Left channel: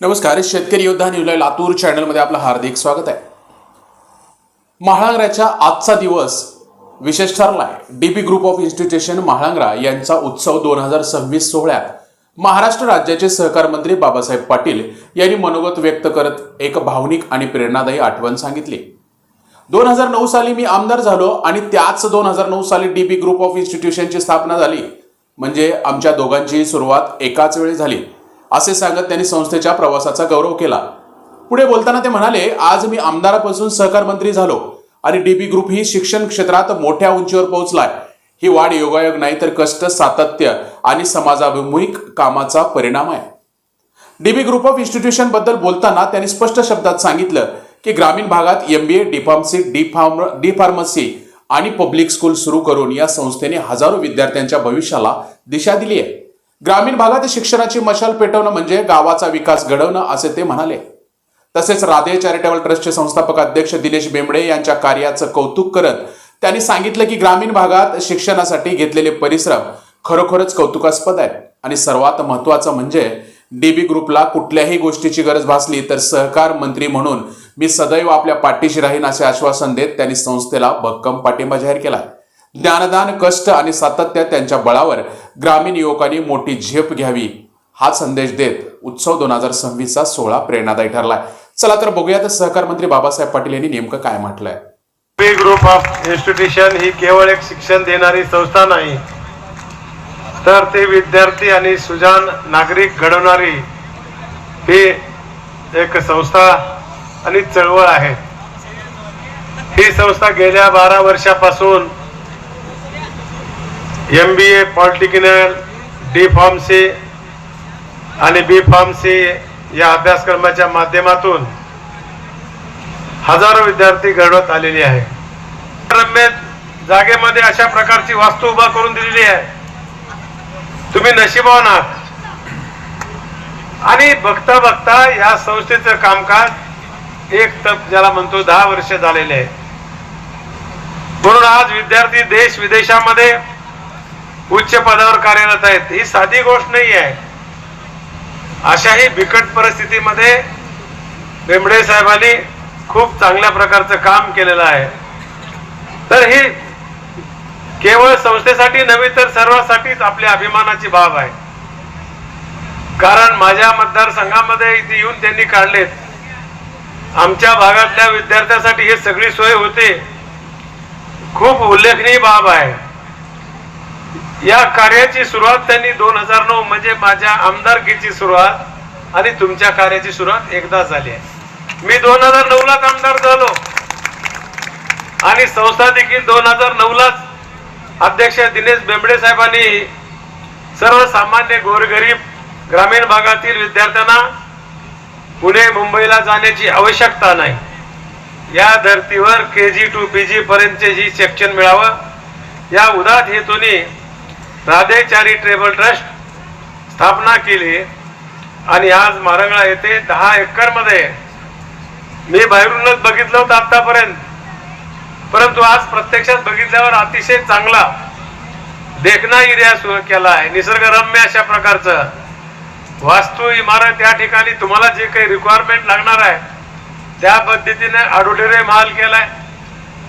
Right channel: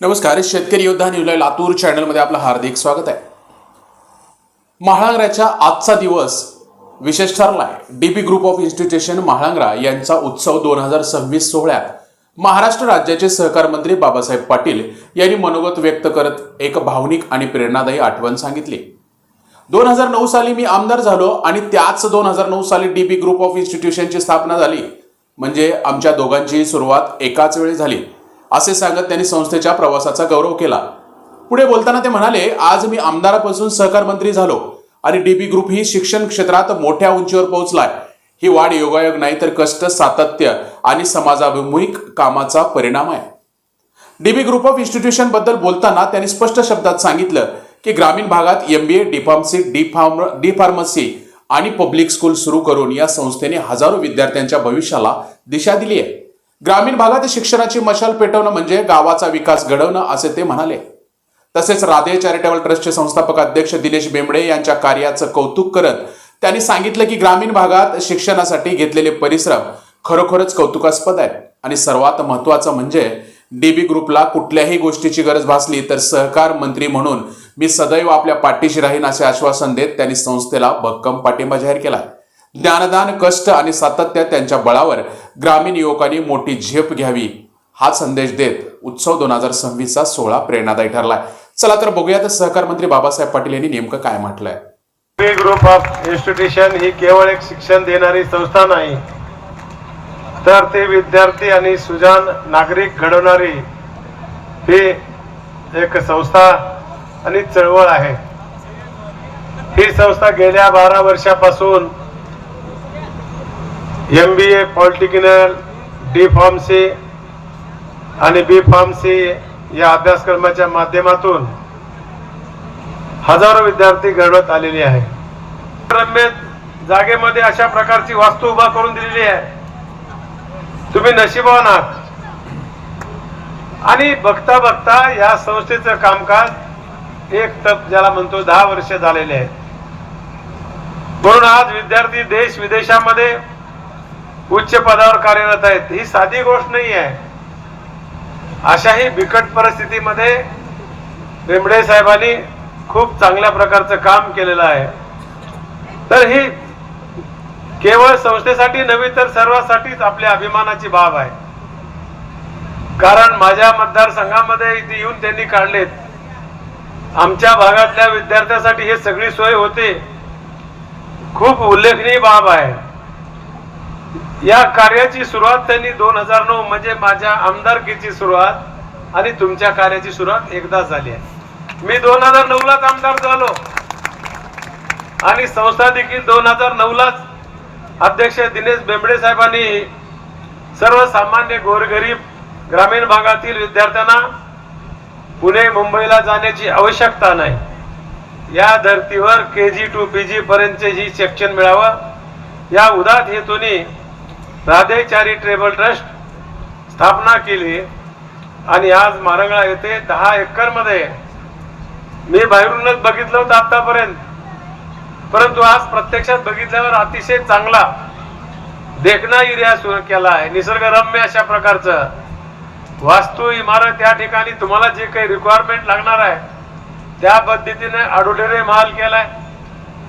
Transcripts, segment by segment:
नमस्कार. शेतकरी योद्धा न्यूज लातूर चॅनलमध्ये आपलं हार्दिक स्वागत आहे. म्हाळांग्र्याचा आजचा दिवस विशेष ठरलाय. डीबी ग्रुप ऑफ इन्स्टिट्यूशन म्हाळांग्रा यांचा उत्सव 2026 सोहळ्यात महाराष्ट्र राज्याचे सहकार मंत्री बाबासाहेब पाटील यांनी मनोगत व्यक्त करत एक भावनिक आणि प्रेरणादायी आठवण सांगितली. 2009 साली मी आमदार झालो आणि त्याच 2009 साली डीबी ग्रुप ऑफ इन्स्टिट्यूशनची स्थापना झाली. म्हणजे आमच्या दोघांची सुरुवात एकाच वेळी झाली असे सांगत त्यांनी संस्थेच्या प्रवासाचा गौरव केला. पुढे बोलताना ते म्हणाले, आज मी आमदारापासून सहकार मंत्री झालो आणि डीबी ग्रुप ही शिक्षण क्षेत्रात मोठ्या उंचीवर पोहोचलाय. ही वाढ योगायोग नाही तर कष्ट, सातत्य आणि समाजाभिमुख कामाचा परिणाम आहे. डीबी ग्रुप ऑफ इन्स्टिट्यूशन बद्दल बोलताना त्यांनी स्पष्ट शब्दात सांगितलं की ग्रामीण भागात MBA, डी.फार्मसी, डी फार्मसी आणि पब्लिक स्कूल सुरू करून या संस्थेने हजारो विद्यार्थ्यांच्या भविष्याला दिशा दिली आहे. ग्रामीण भागात शिक्षणाची मशाल पेटवणं म्हणजे गावाचा विकास घडवणं असे ते म्हणाले. तसेच राधे चॅरिटेबल ट्रस्टचे संस्थापक अध्यक्ष दिनेश बेंबडे यांच्या कार्याचं कौतुक करत त्यांनी सांगितलं की ग्रामीण भागात शिक्षणासाठी घेतलेले परिश्रम खरोखरच कौतुकास्पद आहेत आणि सर्वात महत्त्वाचं म्हणजे डीबी ग्रुपला कुठल्याही गोष्टीची गरज भासली तर सहकार मंत्री म्हणून मी सदैव आपल्या पाठीशी राहीन असे आश्वासन देत त्यांनी संस्थेला भक्कम पाठिंबा जाहीर केला. ज्ञानदान, कष्ट आणि सातत्य त्यांच्या बळावर ग्रामीण युवकांनी मोठी झेप घ्यावी हा संदेश देत उत्सव 2026 सोहळा प्रेरणादायी ठरलाय. चला तर बघूयात सहकार मंत्री बाबासाहेब पाटील यांनी नेमकं काय म्हटलंय. डीबी ग्रुप ऑफ इन्स्टिट्यूशन ही केवळ एक शिक्षण देणारी संस्था नाही, तर ते विद्यार्थी आणि सुजाण नागरिक घडवणारी ही एक संस्था आणि चळवळ आहे. ही संस्था गेल्या 12 वर्षापासून MBA, पॉलिटेक्निकल, डी.फार्मसी आणि बी.फार्मसी या अभ्यासक्रमाच्या माध्यमातून हजारो विद्यार्थी घडवत आलेले आहे. रम्य जागेमध्ये अशा प्रकारची वास्तू उभा करून दिलेली आहे. तुम्ही नशिबवान आहात. आणि बघता बघता या संस्थेचं कामकाज एक तप ज्याला म्हणतो 10 वर्ष झालेले आहे. म्हणून आज विद्यार्थी देश विदेशामध्ये उच्च पदावर कार्यरत आहेत. ही साधी गोष्ट नाही आहे. अशाही बिकट परिस्थितीमध्ये बेंबडे साहेबांनी खूप चांगल्या प्रकारचं काम केलेलं आहे. तर ही केवळ संस्थेसाठी नव्हे तर सर्वांसाठीच आपल्या अभिमानाची बाब आहे. कारण माझ्या मतदारसंघामध्ये इथे येऊन त्यांनी काढलेत. आमच्या भागातल्या विद्यार्थ्यांसाठी हे सगळी सोय होते. खूप उल्लेखनीय बाब आहे. या कार्याची सुरुवात त्यांनी 2009 म्हणजे माझ्या आमदारकीची सुरुवात आणि तुमच्या कार्याची सुरुवात एकदा झाली आहे. मी 2009लाच आमदार झालो आणि संस्था देखील 2009लाच अध्यक्ष दिनेश बेंबडे साहेबांनी सर्वसामान्य गोरगरीब ग्रामीण भागातील विद्यार्थ्यांना पुणे मुंबईला जाण्याची आवश्यकता नाही, या धर्तीवर KG to PG पर्यंतचे जी शिक्षण मिळावं या उदात्त हेतूने राधे चॅरिटेबल ट्रस्ट स्थापना केली. आणि आज मारंगळा येथे 10 एकर मध्ये मी बाहेरूनच बघितलं होतं आतापर्यंत, परंतु आज प्रत्यक्षात बघितल्यावर अतिशय चांगला देखना एरिया सुरू केला आहे. निसर्गरम्य अशा प्रकारचं वास्तू इमारत या ठिकाणी तुम्हाला जे काही रिक्वायरमेंट लागणार आहे त्या पद्धतीने ऑडिटोरियम हॉल केलाय.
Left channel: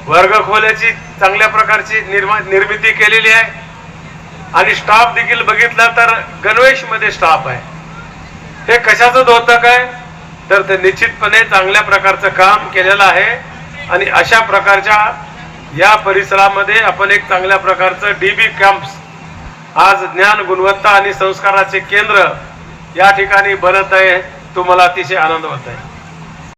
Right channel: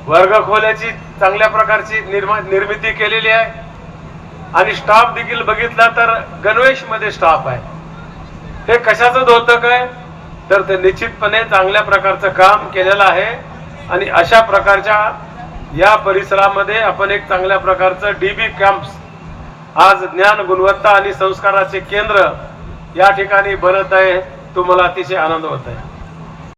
वर्गखोल्याची चांगल्या प्रकारची निर्मिती केलेली आहे. आणि स्टाफ देखील बघितला तर गणवेश मध्ये स्टाफ आहे. हे कशाचं द्योतक आहे तर ते निश्चितपणे चांगल्या प्रकारचं काम केलेलं आहे. आणि अशा प्रकारच्या या परिसरामध्ये आपण एक चांगल्या प्रकारचं डीबी कॅम्प्स आज ज्ञान, गुणवत्ता आणि संस्काराचे केंद्र या ठिकाणी बनत आहे. तो मला अतिशय आनंद होत आहे.